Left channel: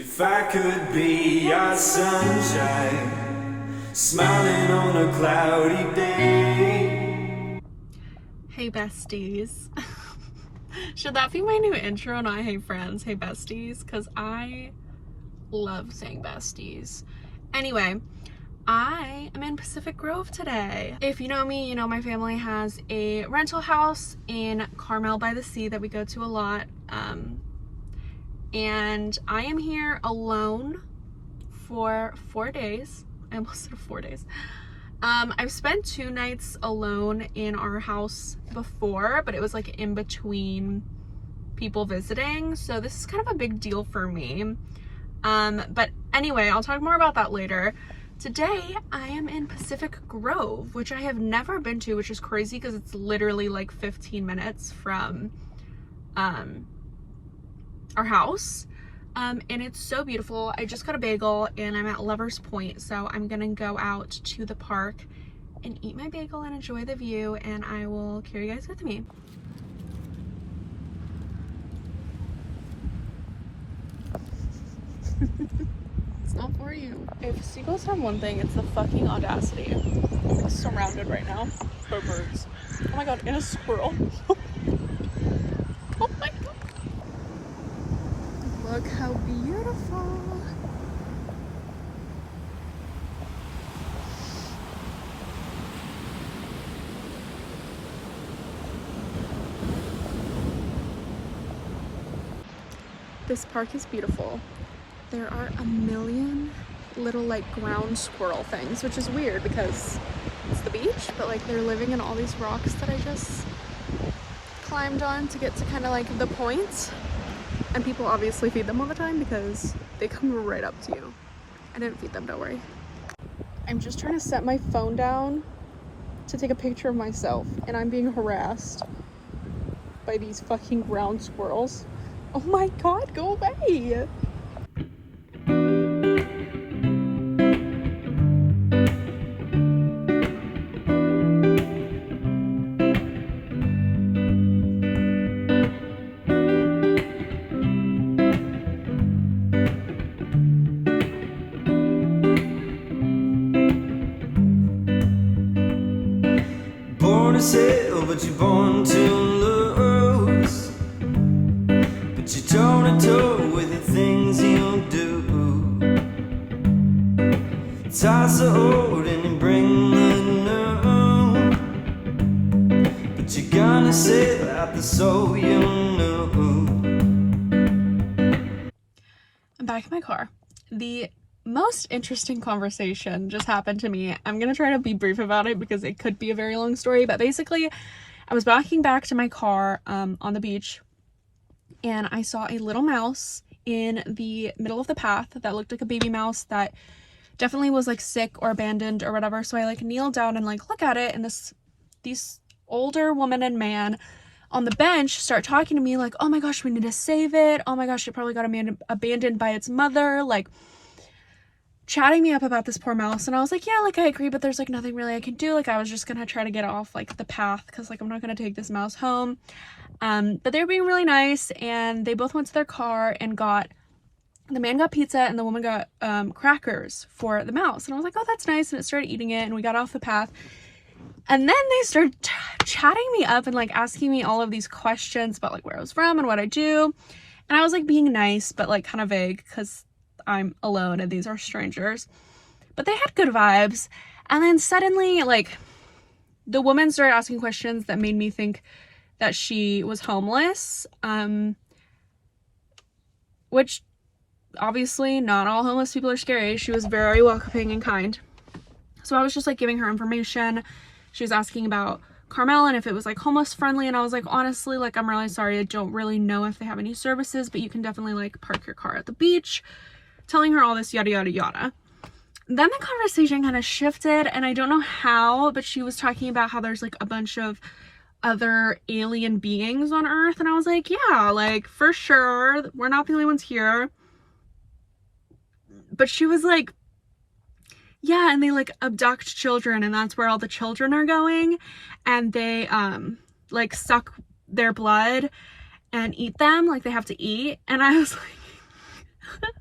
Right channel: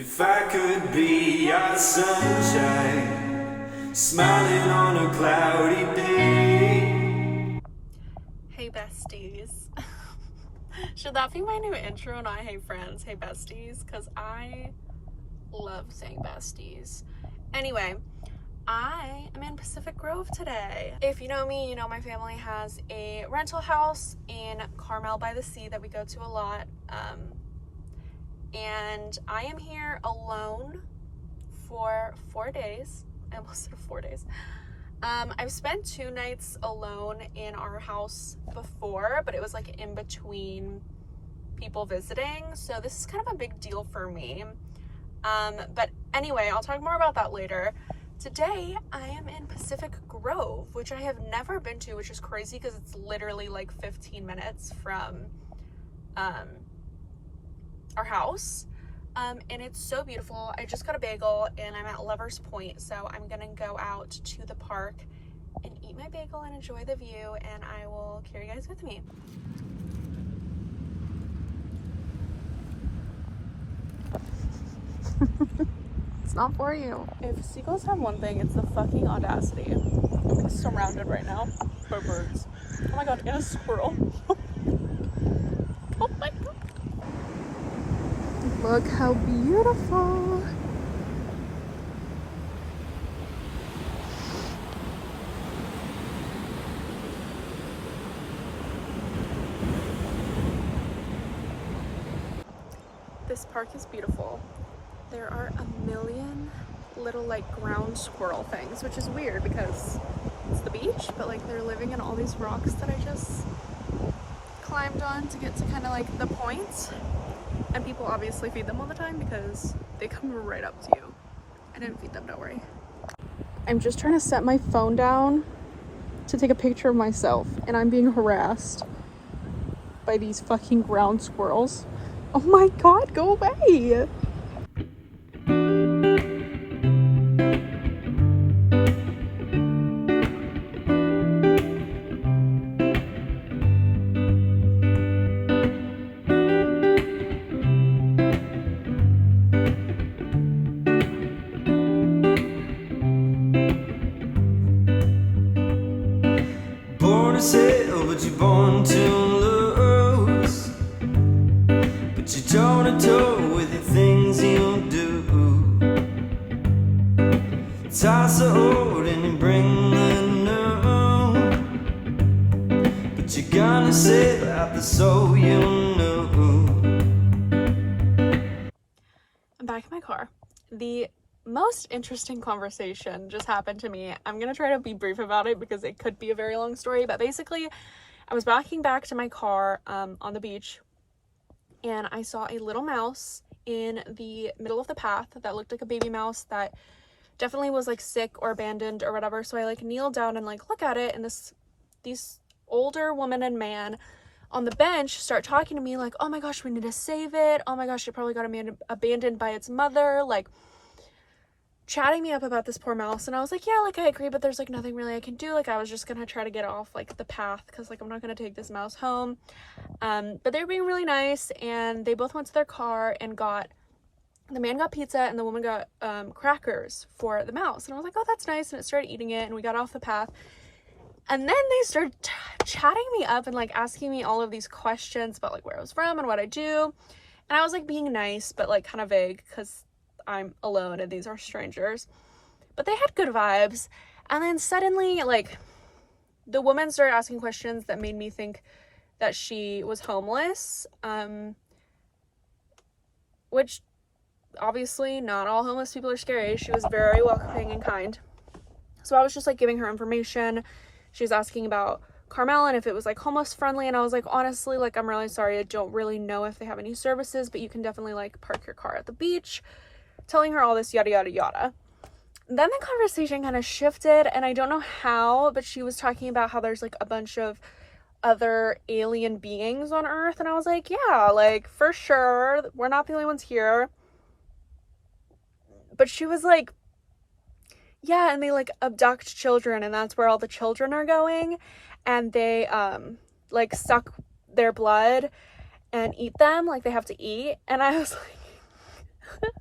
If I could be your sunshine, smiling on a cloudy day. Hey besties. Should that be my new intro? Not hey friends, hey besties, because I love saying besties. Anyway, I am in Pacific Grove today. If you know me, you know my family has a rental house in Carmel by the Sea that we go to a lot. And I am here alone for 4 days. I almost said 4 days. I've spent 2 nights alone in our house before, but it was like in between people visiting, so this is kind of a big deal for me. But anyway, I'll talk more about that later. Today I am in Pacific Grove, which I have never been to, which is crazy because it's literally like 15 minutes from our house. And it's so beautiful. I just got a bagel and I'm at Lover's Point, so I'm gonna go out to the park and eat my bagel and enjoy the view, and I will carry you guys with me. It's not for you. If seagulls have one thing, it's the fucking audacity. I'm surrounded right now by birds. Oh my god, and a squirrel. Oh my god. Look how beautiful. This park is beautiful. There are a million little like ground squirrel things, which is weird because it's the beach, but like they're living in all these rocks that I just climbed on to get to kind of like the points. And people obviously feed them all the time because they come right up to you. I didn't feed them, don't worry. I'm just trying to set my phone down to take a picture of myself, and I'm being harassed by these fucking ground squirrels. Oh my god, go away! Born to sail, but you're born to lose. But you're toe to toe with the things you do. Toss the old and you bring the new. But you're gonna sail out the soul you know. I'm back in my car. The most interesting conversation just happened to me. I'm gonna try to be brief about it because it could be a very long story, but basically I was walking back to my car on the beach, and I saw a little mouse in the middle of the path that looked like a baby mouse that definitely was like sick or abandoned or whatever. So I like kneeled down and like look at it, and these older woman and man on the bench start talking to me like, oh my gosh, we need to save it, oh my gosh, it probably got abandoned by its mother, like chatting me up about this poor mouse. And I was like, yeah, like I agree, but there's like nothing really I can do. Like I was just gonna try to get off like the path because like I'm not gonna take this mouse home. But they were being really nice, and they both went to their car and the man got pizza and the woman got crackers for the mouse. And I was like, oh, that's nice. And it started eating it, and we got off the path. And then they started chatting me up and like asking me all of these questions about like where I was from and what I do. And I was like being nice, but like kind of vague because I'm alone and these are strangers. But they had good vibes. And then suddenly like the woman started asking questions that made me think that she was homeless, which obviously not all homeless people are scary. She was very welcoming and kind. So I was just like giving her information. She was asking about Carmel and if it was like homeless friendly, and I was like, honestly, like I'm really sorry, I don't really know if they have any services, but you can definitely like park your car at the beach, telling her all this yada yada yada. Then the conversation kind of shifted, and I don't know how, but she was talking about how there's like a bunch of other alien beings on Earth, and I was like, yeah, like for sure, we're not the only ones here. But she was like, yeah, and they like abduct children, and that's where all the children are going, and they like suck their blood and eat them, like they have to eat. And I was like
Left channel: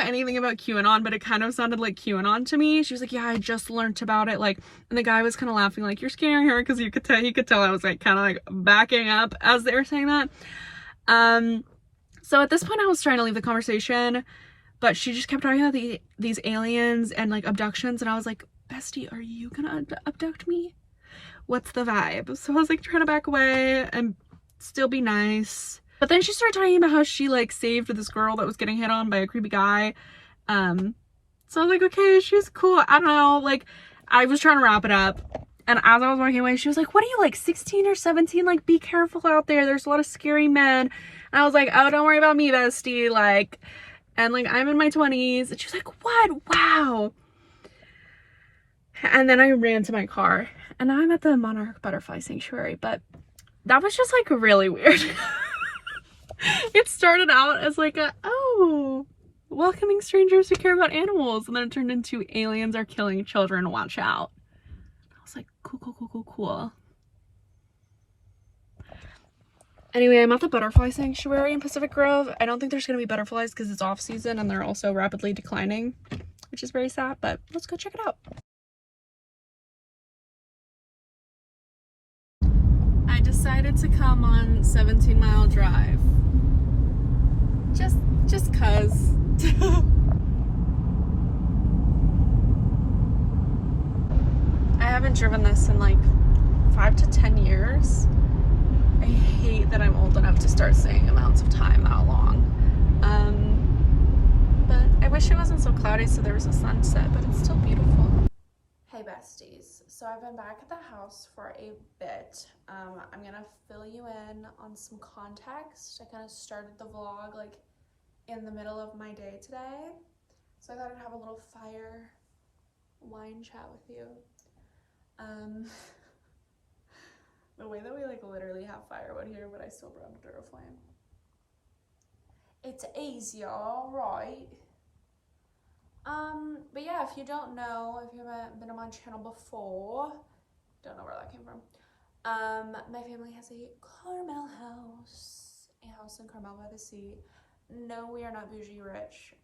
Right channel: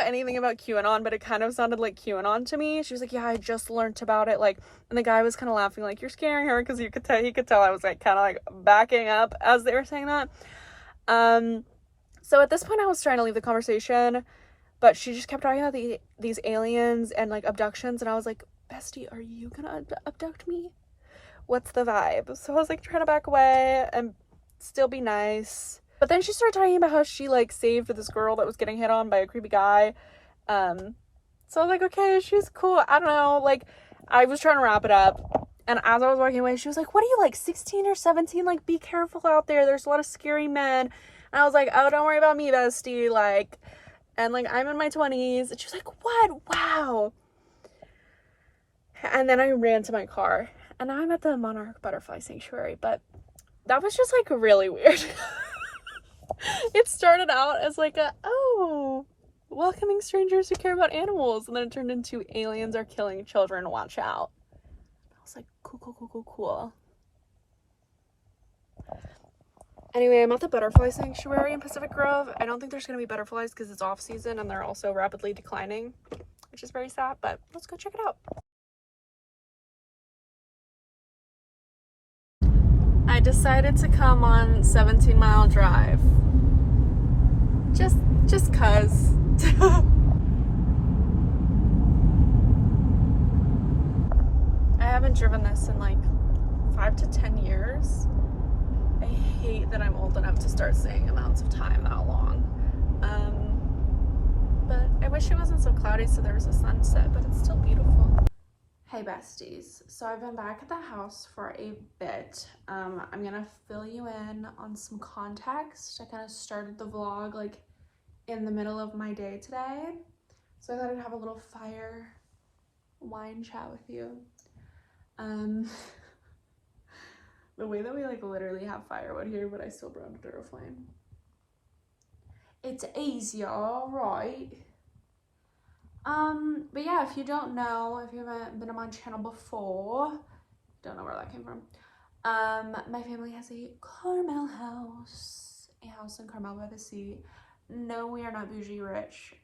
know anything about QAnon, but it kind of sounded like QAnon to me. She was like, yeah, I just learned about it. Like, and the guy was kind of laughing, like, you're scaring her, because he could tell I was like kind of like backing up as they were saying that. So at this point I was trying to leave the conversation, but she just kept talking about these aliens and like abductions, and I was like, bestie, are you gonna abduct me? What's the vibe? So I was like trying to back away and still be nice. But then she started talking about how she like saved this girl that was getting hit on by a creepy guy. So I was like, okay, she's cool. I don't know. Like, I was trying to wrap it up. And as I was walking away, she was like, what are you, like 16 or 17? Like, be careful out there. There's a lot of scary men. And I was like, oh, don't worry about me, bestie. Like, and like, I'm in my 20s. And she was like, what? Wow. And then I ran to my car. And now I'm at the Monarch Butterfly Sanctuary. But that was just like really weird. It started out as like welcoming strangers who care about animals, and then it turned into aliens are killing children, watch out. I was like, cool. Anyway, I'm at the butterfly sanctuary in Pacific Grove. I don't think there's gonna be butterflies because it's off season and they're also rapidly declining, which is very sad, but let's go check it out. I decided to come on 17 Mile Drive. Just cause. I haven't driven this in like 5 to 10 years. I hate that I'm old enough to start saying amounts of time that long. But I wish it wasn't so cloudy so there was a sunset, but it's still beautiful. Hey besties, so I've been back at the house for a bit. I'm gonna fill you in on some context. I kind of started the vlog like in the middle of my day today, so I thought I'd have a little fire wine chat with you. The way that we like literally have firewood here, but I still brought a Duraflame. It's easier, right? But yeah, if you don't know, if you haven't been on my channel before, don't know where that came from. My family has a Carmel house, a house in Carmel by the sea. No, we are not bougie rich.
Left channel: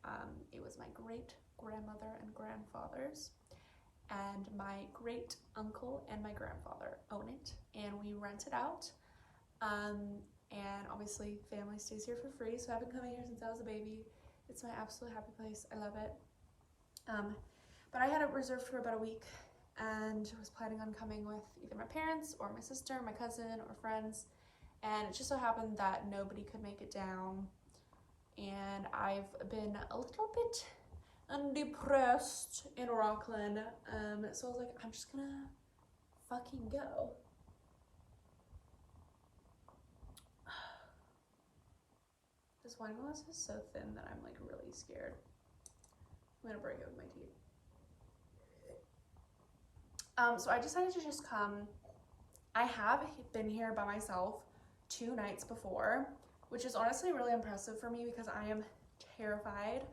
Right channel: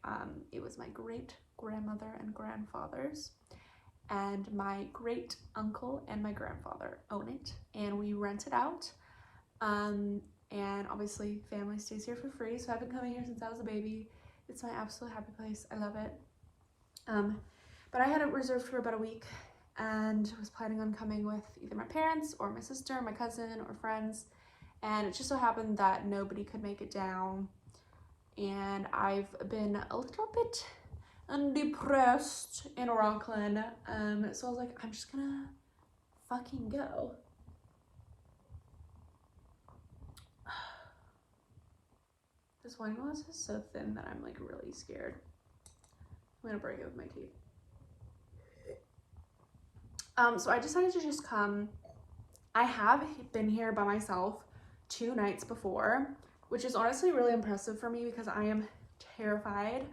It was my great grandmother and grandfather's, and my great uncle and my grandfather own it, and we rent it out. And obviously family stays here for free, so I've been coming here since I was a baby. It's my absolute happy place. I love it. But I had it reserved for about a week and was planning on coming with either my parents or my sister, my cousin, or friends, and it just so happened that nobody could make it down, and I've been a little bit depressed in Rockland, so I was like, I'm just gonna fucking go. This wine glass is so thin that I'm like really scared. I'm gonna break it with my teeth. So I decided to just come. I have been here by myself 2 nights before, which is honestly really impressive for me because I am terrified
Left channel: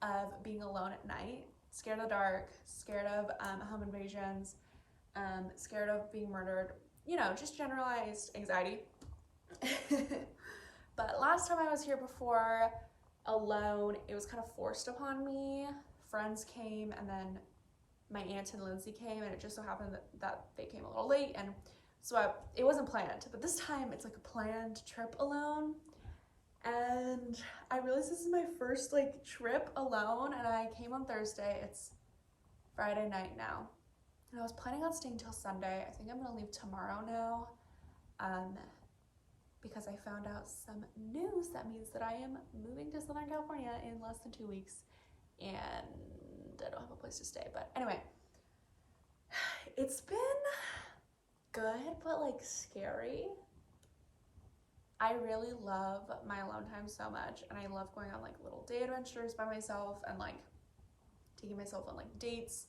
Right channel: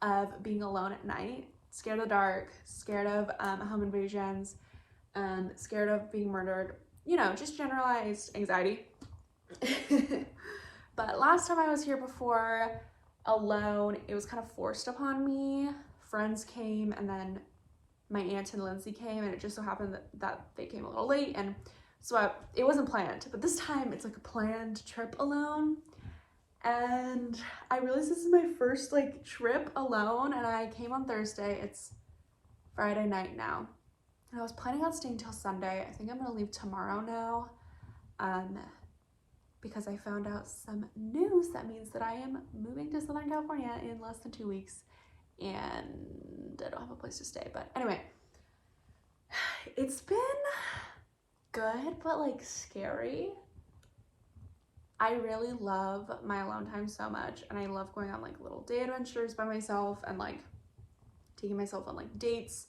of being alone at night, scared of the dark, scared of home invasions, scared of being murdered, you know, just generalized anxiety. But last time I was here before alone, it was kind of forced upon me. Friends came, and then my aunt and Lindsay came, and it just so happened that they came a little late, and so it wasn't planned. But this time it's like a planned trip alone, and I realized this is my first like trip alone, and I came on Thursday. It's Friday night now, and I was planning on staying till Sunday. I think I'm gonna leave tomorrow now, because I found out some news that means that I am moving to Southern California in less than 2 weeks, and I don't have a place to stay. But anyway, it's been good, but like scary. I really love my alone time so much, and I love going on like little day adventures by myself and like taking myself on like dates.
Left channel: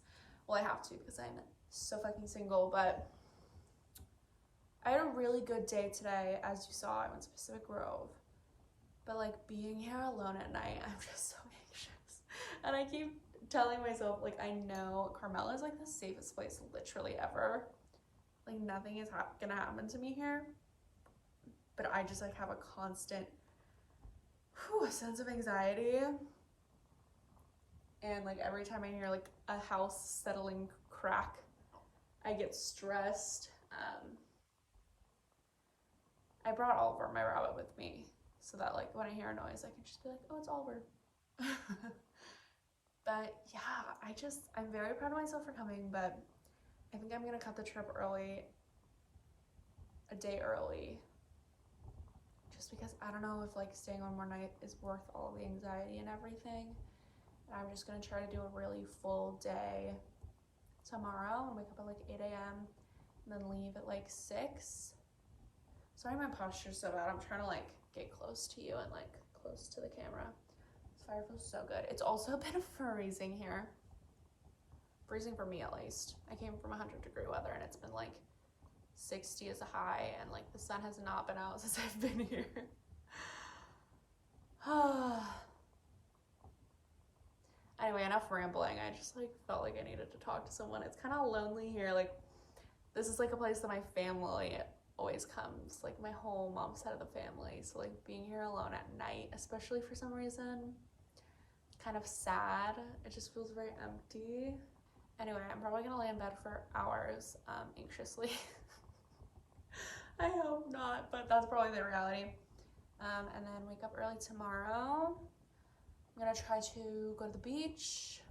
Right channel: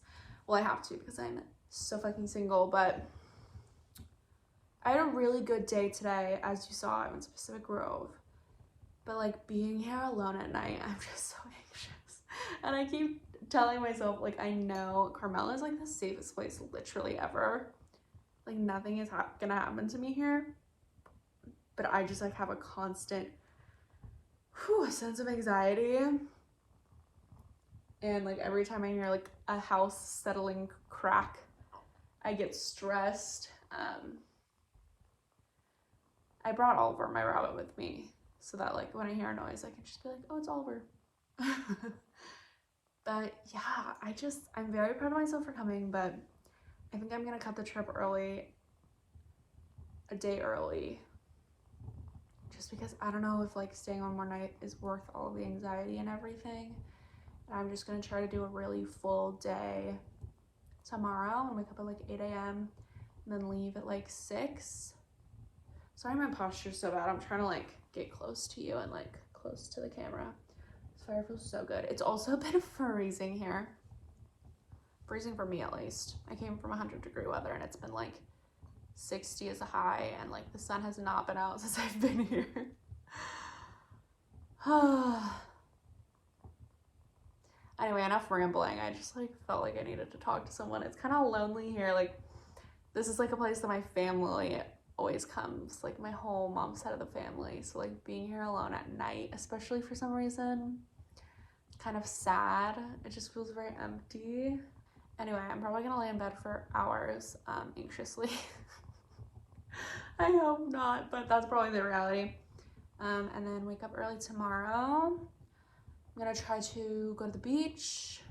Well, I have to because I'm so fucking single, but I had a really good day today. As you saw, I went to Pacific Grove, but like being here alone at night, I'm just so anxious, and I keep telling myself like, I know Carmel is like the safest place literally ever, like nothing is gonna happen to me here, but I just like have a constant sense of anxiety. and like every time I hear like a house settling crack, I get stressed. I brought Oliver, my rabbit, with me so that like when I hear a noise, I can just be like, oh, it's Oliver. But yeah, I'm very proud of myself for coming, but I think I'm gonna cut the trip early, a day early, just because I don't know if like staying one more night is worth all of the anxiety and everything. And I'm just gonna try to do a really full day tomorrow and wake up at like 8 a.m. and then leave at like 6. Sorry, my posture's so bad. I'm trying to like get close to you and like close to the camera. This fire feels so good. It's also been freezing here. Freezing for me at least. I came from 100-degree weather and it's been like 60 as a high and like the sun has not been out since I've been here. Anyway, enough rambling. I just like felt like I needed to talk to someone. It's kind of lonely here. Like this is like a place that my family always comes, like my whole mom's side of the family. So like being here alone at night, especially for some reason, kind of sad. It just feels very empty. Anyway, I'm probably gonna lay in bed for hours, anxiously. I hope not, but that's probably the reality. And then wake up early tomorrow. I'm gonna try to go to the beach,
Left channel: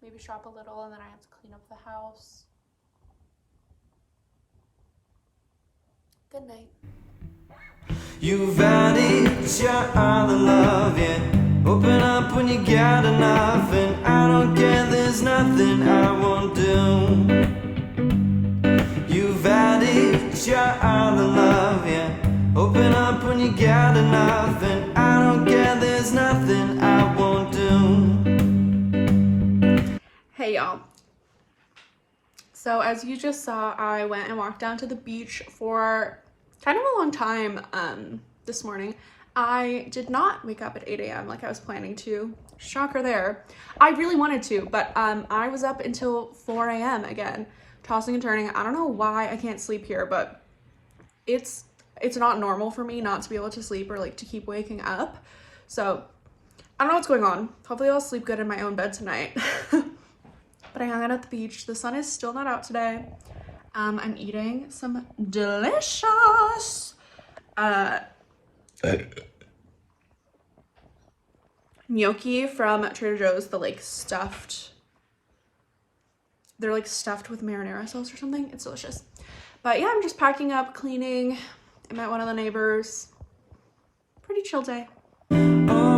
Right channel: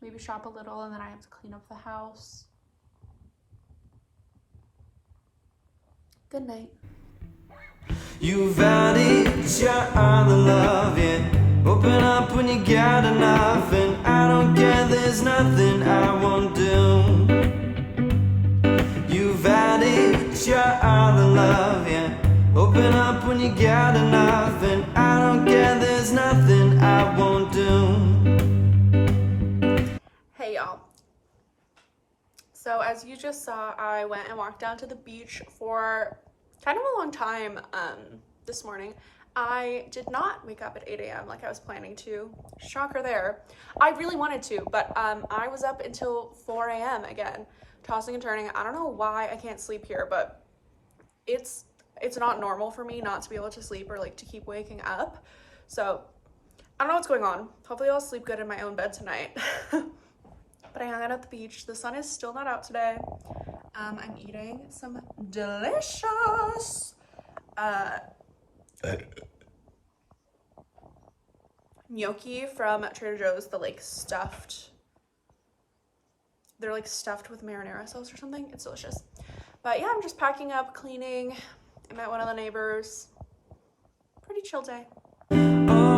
maybe shop a little, and then I have to clean up the house. Good night. You've had each other love, yeah. Open up when you got enough, and I don't care, there's nothing I won't do. You've had each other love, yeah. Open up when you got enough, and I don't care, there's nothing I won't do. Hey y'all. So as you just saw, I went and walked down to the beach for kind of a long time this morning. I did not wake up at 8 a.m. like I was planning to. Shocker there. I really wanted to, but I was up until 4 a.m. again, tossing and turning. I don't know why I can't sleep here, but it's not normal for me not to be able to sleep or like to keep waking up. So I don't know what's going on. Hopefully I'll sleep good in my own bed tonight. But I hung out at the beach. The sun is still not out today. I'm eating some delicious gnocchi from Trader Joe's. They're like stuffed with marinara sauce or something. It's delicious. But yeah, I'm just packing up, cleaning. I met one of the neighbors. Pretty chill day. Oh,